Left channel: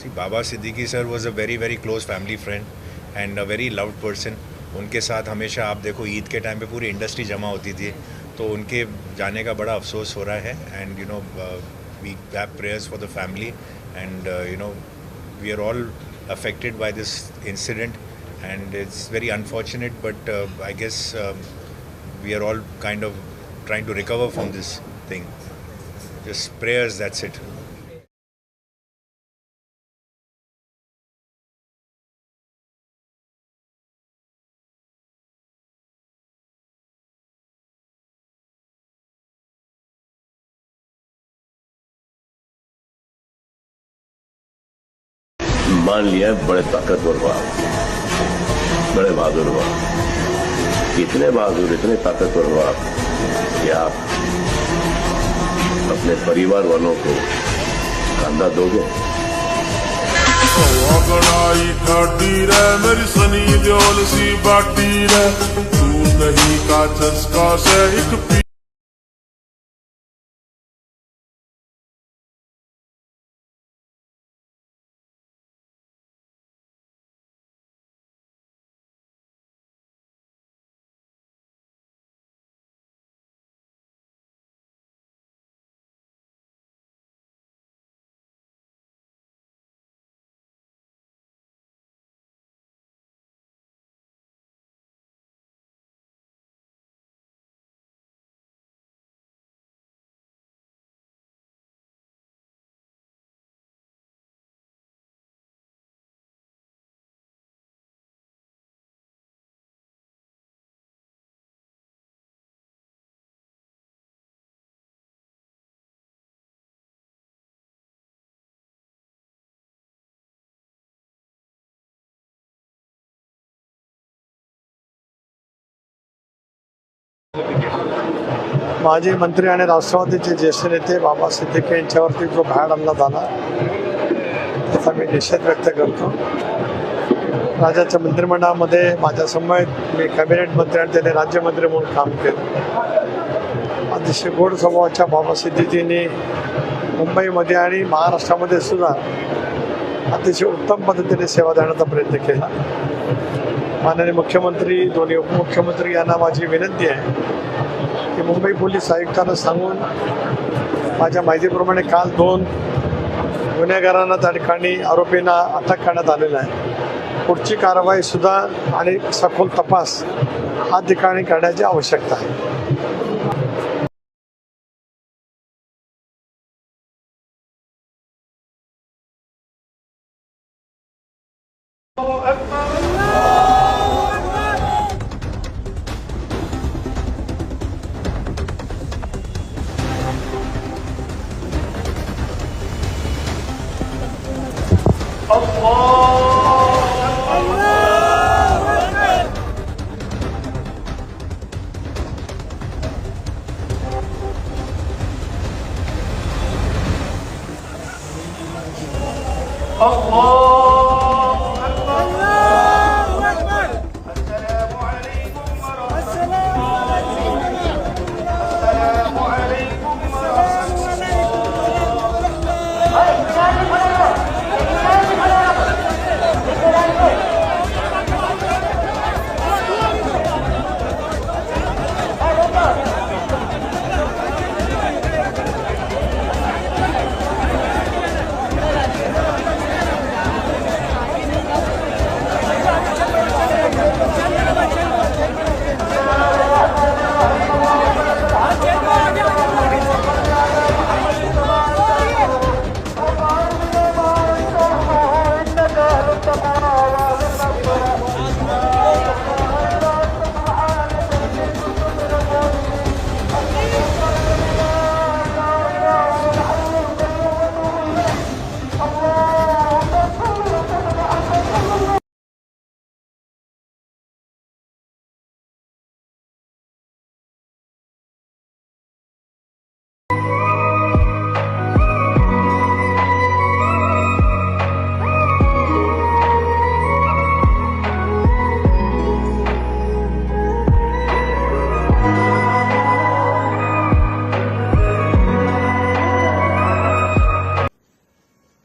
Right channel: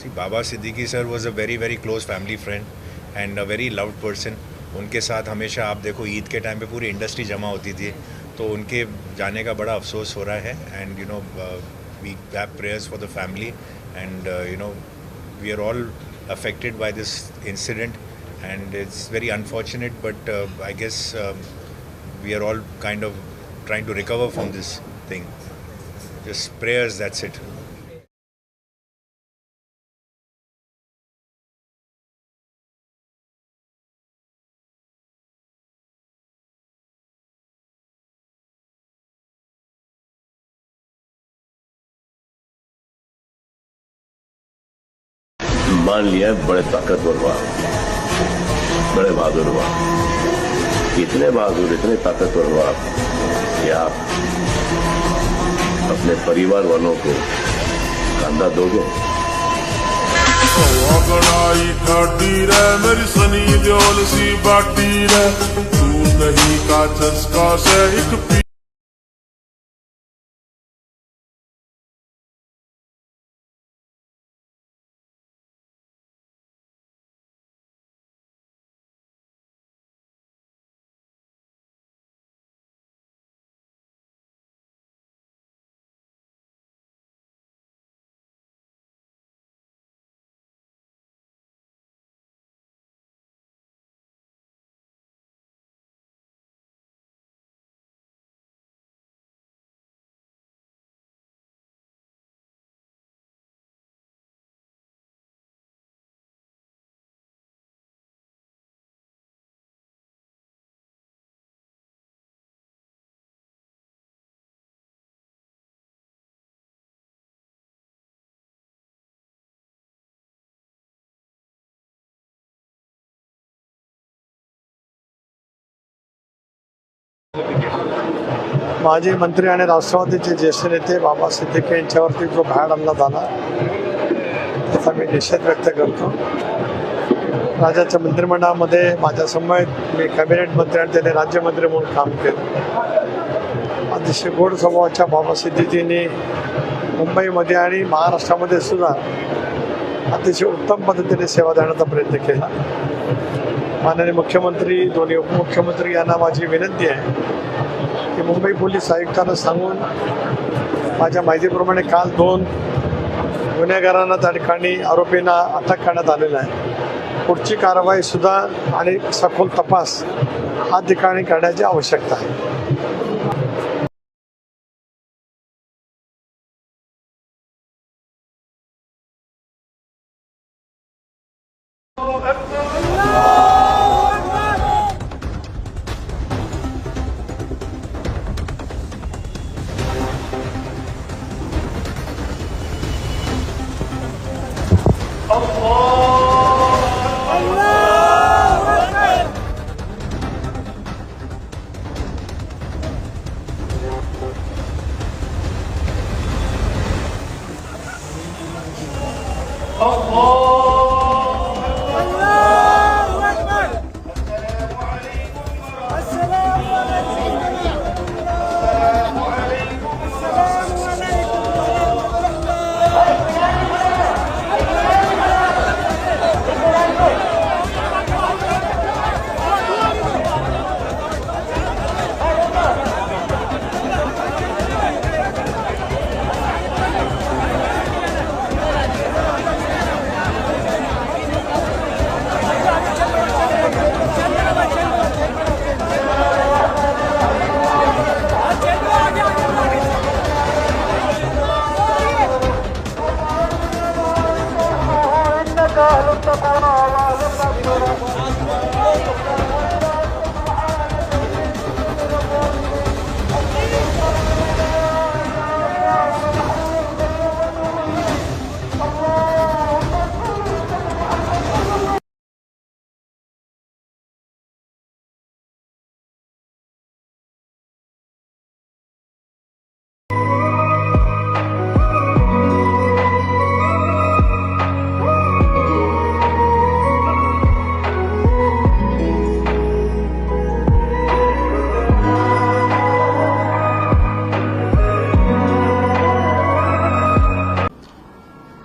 C Baba Siddique sir was a very very close family friend and a very loved person. उनके साथ हमेशा आप देखो ईद के टाइम पे पूरी इंडस्ट्री जमा होती थी, तो उनके जाने का बड़ा अफसोस हो रहा है. And we have prayers for the family and we are all affected by this incident, and it's very unfortunate, but I guess we are all kind of trying to recover from this thing. Just prayers, that's it. मान लिया बड़े ताकतवर हुआ, बड़े बहादुर हुआ, इतने बहादुर इतने ताकतवर हुआ कि आप अपने परिवार वालों को कंधा दोगे. गड़ाई ठाडी रे मेरी सनी देओल सी बाटी रे, तू नहीं का चस्का से एक माजी मंत्री आणि राष्ट्रवादीचे ज्येष्ठ नेते बाबा सिद्दीकी यांच्यावरती जो भ्याड हल्ला झाला त्याचा मी निषेध व्यक्त करतो. राज्याच्या मंत्रिमंडळामध्ये माझ्या समवेत मी कॅबिनेट मंत्री आणि त्याने राज्यमंत्री म्हणून काम केलं. अतिशय गोड स्वभावाच्या बाबा सिद्दीकींनी मुंबईमध्ये आणि महाराष्ट्रामध्ये सुद्धा अतिशय उत्तम पद्धतीने सेवा देण्याचा प्रयत्न केला. माननीय मुख्यमंत्री, दोन्ही उपमुख्यमंत्री यांना माझी विनंती आहे की मुंबई पोलीस आयुक्तांना सांगून माझ्या माहितीप्रमाणे काल 2 गुन्हेगारांना त्या ठिकाणी आरोपींना अटक करण्यात आलेलं आहे. पुढची कारवाई सुद्धा आणि सखोल तपास हा ठिकाणी करण्याची आवश्यकता आहे.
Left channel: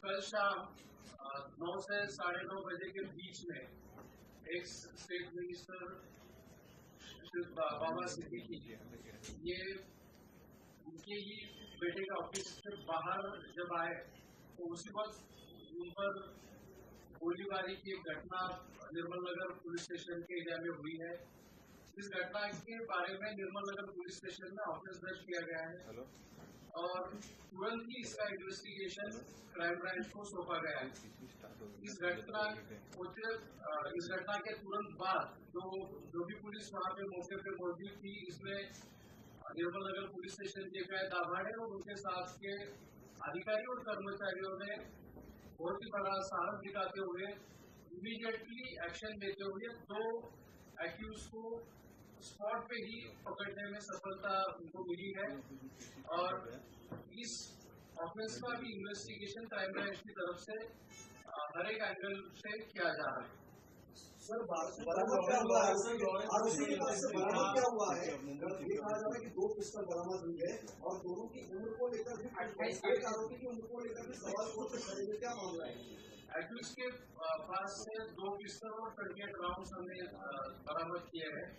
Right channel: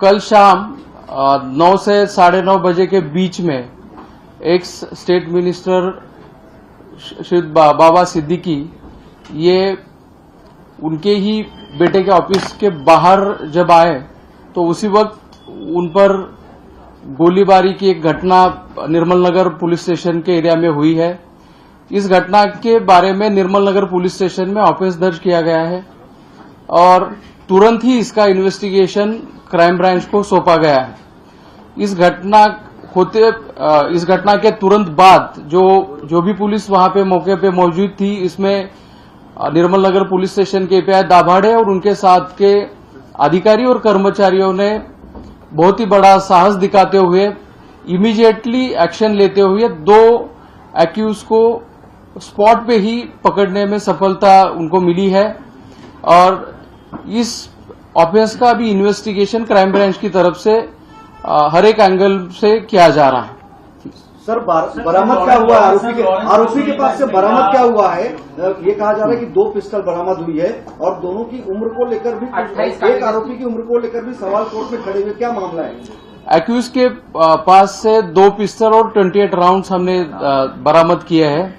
कल शाम 9 से 9:30 बजे के बीच में एक्स स्टेट मिनिस्टर श्री बाबा सिद्दीकी ये उनके ही बेटे के ऑफिस के बाहर जब आए तो उसी वक्त उन पर गोलीबारी की एक घटना निर्मल नगर पुलिस स्टेशन के एरिया में हुई है। इस घटना के बारे में निर्मल नगर पुलिस स्टेशन में ऑफिस दर्ज किया गया है और तुरंत ही इसका इन्वेस्टिगेशन क्राइम ब्रांच को सौंपा गया है। इस घटना के तुरंत बाद जो भी पुलिस वहां पे मौके पे मौजूद थी, इसमें निर्मल नगर पुलिस स्टेशन के एपीआई दाभाड़े और उनके साथ के अधिकारी और कर्मचारियों ने बहुत ही बड़ा साहस दिखाते हुए इमीडिएटली एक्शन लेते हुए 2 एक्यूज को स्पॉट पे ही पकड़ने में सफलता उनको मिली है और इस ऑफेंस का भी इन्वेस्टिगेशन क्राइम ब्रांच की तरफ से हर एक एंगल से किया जा रहा है। सर बरामद क्या हुआ है? आरोपी के पास से बरामद क्या हुआ है? ये कहा जा रहा है कि 2 पिस्टल बरामद हुई है और दोनों की उम्र को लेकर भी, एक आरोपी की उम्र को लेकर भी सवाल कोर्ट में खड़े हुए, क्या मामला है? एक्यूज के पास से 2 पिस्टल और 28 राउंड्स हमने बरामद किए हैं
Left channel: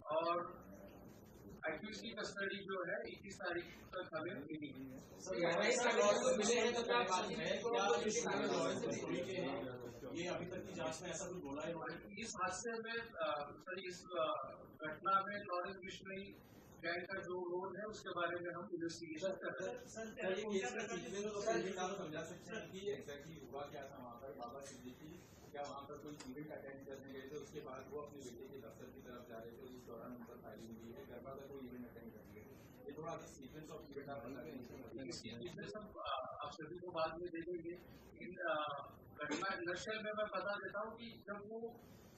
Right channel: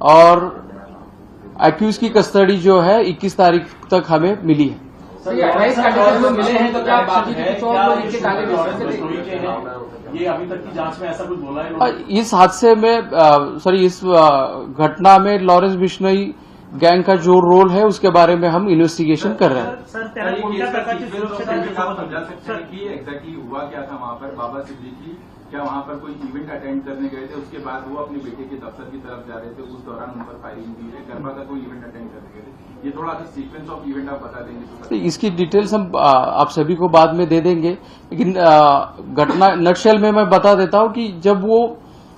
और एक्यूज की कस्टडी जो है 21 तारीख तक हमें मिली है। ये अभी तक की जांच में ऐसा कुछ बोला है? इस हादसे में इस घटना में लॉरेंस बिश्नोई गैंग का जो रोल है उसके बारे में हम इन्वेस्टिगेशन कर रहे हैं। एग्जैक्टली हुआ क्या था वहाँ पर? बाबा सिद्दीकी क्या वहाँ पर कोई इवेंट अटेंड करने गए थे, उसके बाद वो अपने बेटे के दफ्तर की तरफ जा रहे थे, उस दौरान उन पर फायरिंग हुई है? गरबा का कोई इवेंट अटेंड करने गए थे? ये थोड़ा सा सीक्वेंस ऑफ इवेंट आप बता देंगे तो? इसकी डिटेल्स हम आप सभी को बाद में दे देंगे, लेकिन घटना नटशेल में मैं बता देता हूं कि जब वो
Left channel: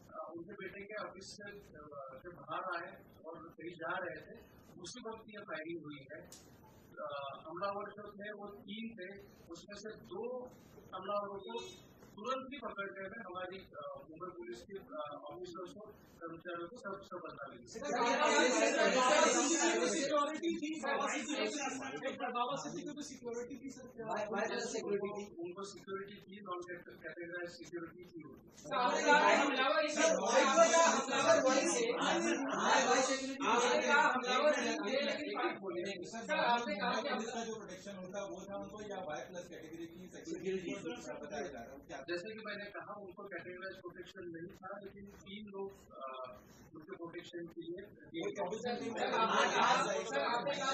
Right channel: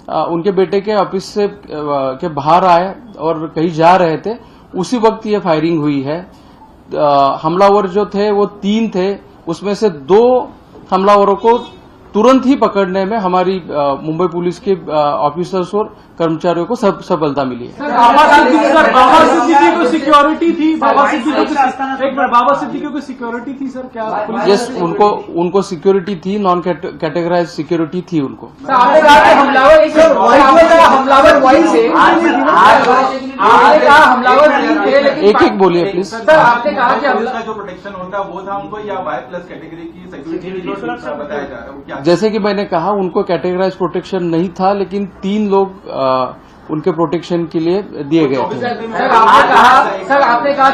उनके बेटे के ऑफिस से के बाहर आए और कहीं जा रहे थे, उसी वक्त ये फायरिंग हुई है। हमलावर जो थे वो 3 थे, उसमें से 2 हमलावरों को तुरंत ही पकड़ने में हमारी मुंबई पुलिस के ऑफिसर्स और कर्मचारियों को सफलता मिली है। बाबा सिद्दीकी को सिक्योरिटी थी? बाबा सिद्दीकी को सिक्योरिटी थी सर? क्या? यस, उनको सिक्योरिटी थी, नॉन कैटेगराइज सिक्योरिटी थी उनको। एक बोलिए प्लीज। सर आपने कहा कि हमला जो प्रोटेक्शन होता है वो था उनको, या वाई प्लस कैटेगरी की सिक्योरिटी बताया जा रहा है? जैसे कि मैंने कहा, उनको कैटेगराइज प्रोटेक्शन नहीं था, लेकिन 3 लोग उनके प्रोटेक्शन के लिए दिए गए थे। सर आपने कहा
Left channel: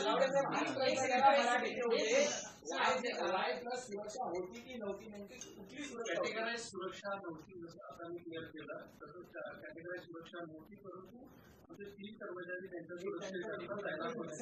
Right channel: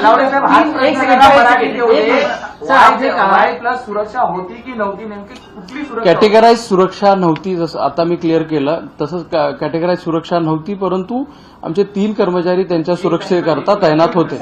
प्लस सुरक्षा होती की नव्हती, नेमकी कुठली सुरक्षा? कॅटेगराइज सुरक्षा नव्हती, जसं आता मी क्लिअर केलं तसंच कॅटेगराइज सुरक्षा नव्हती, परंतु आमचे 3 कर्मचारी त्यांच्या सुरक्षेकरता तैनात होते।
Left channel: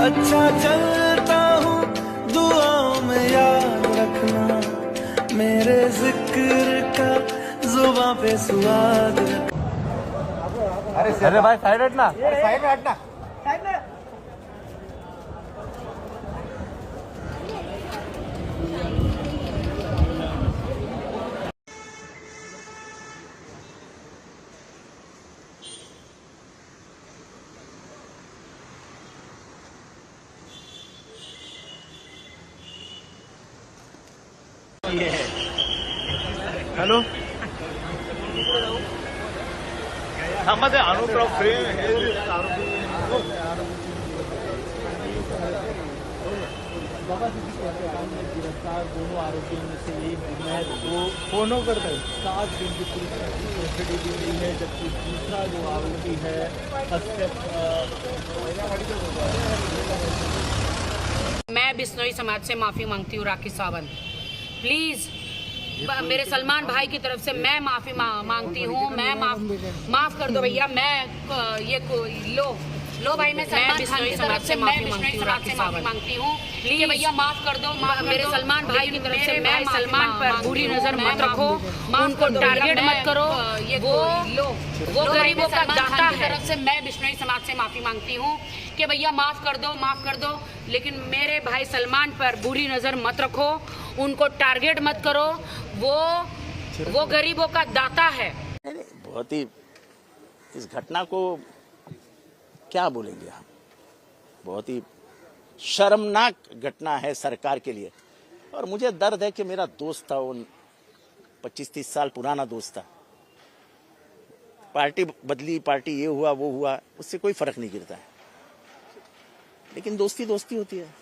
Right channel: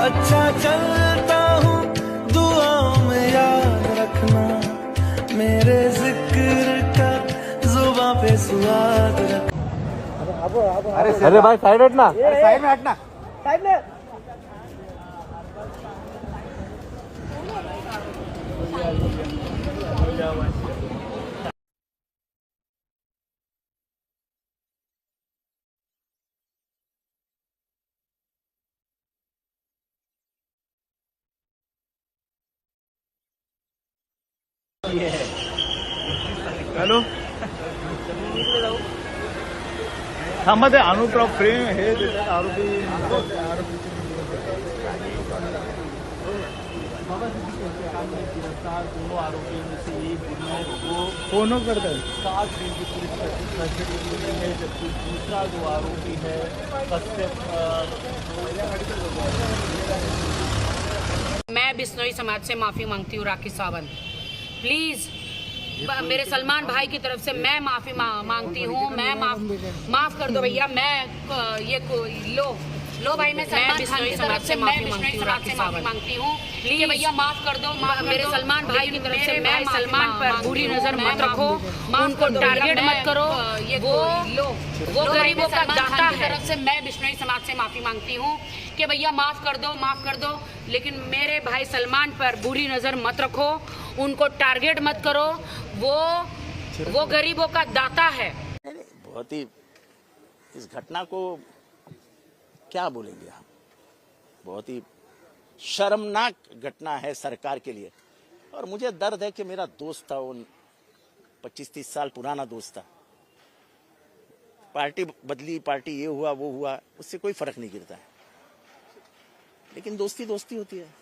अच्छा चलता हूँ, दुआओं में याद रखना, मेरे जिक्र का जुबां पे स्वाद रखना। अरे भाई साइड हटना। हॅलो मध्ये अनुक्रम प्रेम दोनों करते मैं बिश्नोई समाज से माफी मांगती हूँ राखी सावंत, प्लीज मेरे सलमान भाई की तरफ से मैं माफी मांगती हूँ। मैं माफ कर दो भैया। मैं ये लो भाई, मैं सलमान खान की तरफ से माफी मांगती हूँ। प्लीज भैया माफ कर दो। मेरे सलमान भाई की तरफ से मैं सलमान पर बुरी नजर मत रखो, उनको टारगेट मत करो। वो गरीबों का दाता है। तरफ से मैं बिश्नोई समाज से माफी मांगती हूँ कि भैया माफ कर दो, लेकिन मेरे भाई सलमान पर बुरी नजर मत रखो, उनको टारगेट मत करो। वो गरीबों का दाता है। बहुत ही इस घटना को क्या बोलेंगे हम, बहुत ही शर्मनाक घटना है सरकार के लिए। और मुझे दर्द है कि मेरा दोस्त था, वो 25-30 साल पुराना दोस्त था। पार्टी बदली, पार्टी ये हुआ वो हुआ, उससे कोई फर्क नहीं गिरता है, लेकिन दोस्ती दोस्ती होती है।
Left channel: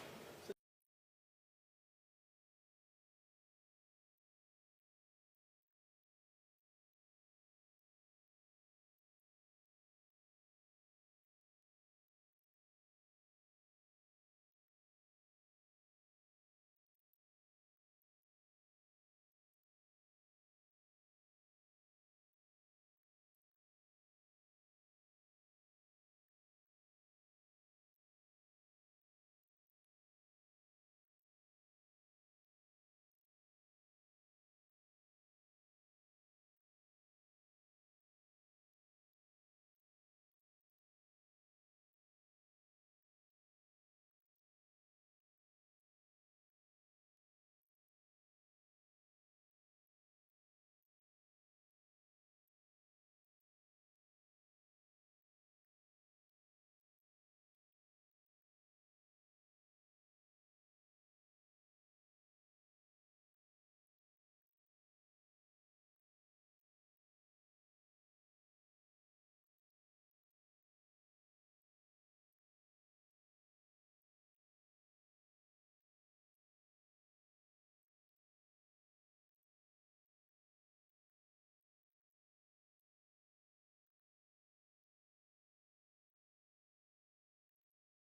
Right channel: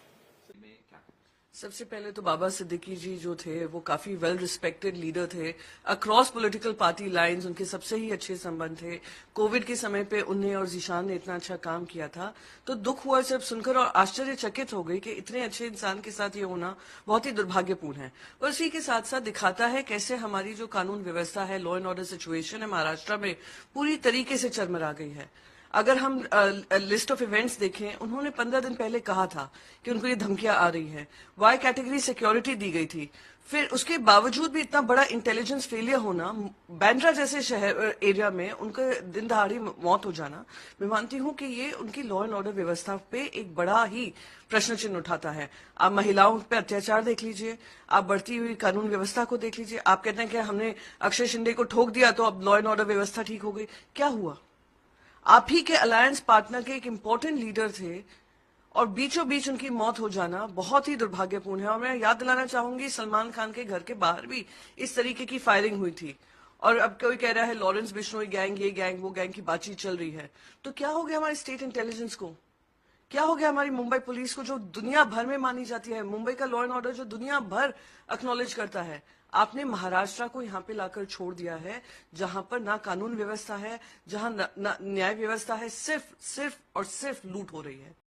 सबसे पहले तो बाबा सिद्दीकी जी जो थे वो काफी वेल रिस्पेक्टेड लीडर थे, अक्रॉस पॉलिटिकल पार्टी लाइंस उनके सबसे ही अच्छे संबंध थे। कोविड के समय पे उन्हें और जीशान ने इतना अच्छा काम किया था, तो दुख हुआ सिर्फ सुनकर और आश्चर्यचकित हो गई कि इतने अच्छे इंसान के साथ ये होना बहुत ही दुर्भाग्यपूर्ण है। और इसी के साथ साथ दिखाता है कैसे हमारी जो कानून व्यवस्था है, लॉ एंड ऑर्डर सिचुएशन है महाराष्ट्र में पूरी तरीके से चरमरा गई है। अगर हम लिस्ट ऑफ इवेंट्स देखें, उन्होंने 15 दिन पहले कहा था कि उनको ये धमकियां आ रही हैं, वाई कैटेगरी सिक्योरिटी दी गई थी। फिर उसके बावजूद भी इतना बड़ा इंटेलिजेंस फेलियर होना, बैंड्रा जैसे शहर एरिया में उनके दिन दहाड़ी मौत हो जाना, मैं मानती हूं कि ये उनकी लॉ एंड ऑर्डर व्यवस्था पे एक बड़ा ही प्रश्न चिन्ह उठाता है। आप महिलाओं पे अत्याचार देख लीजिए, आप बढ़ती हुई कानून व्यवस्था को देख लीजिए। आप कहते हैं कि हमने अक्षय शिंदे को ठोक दिया तो अब लॉ एंड ऑर्डर व्यवस्था ठीक हो गई, क्या हुआ? आप ही के अलायंस पार्टनर के एक इंपॉर्टेंट लीडर थे और बीचों बीच उनकी मौत हो जाना बहुत ही दुर्भाग्यपूर्ण है। और मैं याद दिलाना चाहूंगी, सलमान खान के घर के बाहर भी इस तरीके की फायरिंग हुई थी। और अब कोई कह रहा है लॉरेंस बिश्नोई गैंग, ये गैंग वो गैंग की बातचीत चल रही है। तो क्या हो गया हमारे स्टेट इंटेलिजेंस को? क्या हो गया हमारी मुंबई पुलिस को, जो दुनिया भर में मानी जाती है, मुंबई का लॉ एंड ऑर्डर जो दुनिया भर एक्नॉलेज करता है? आपने महाराष्ट्र को यहाँ पे लाकर छोड़ दिया है, जहां पर ना कानून व्यवस्था है, जहां ना न्याय व्यवस्था है, सिर्फ और सिर्फ लूट हो रही है।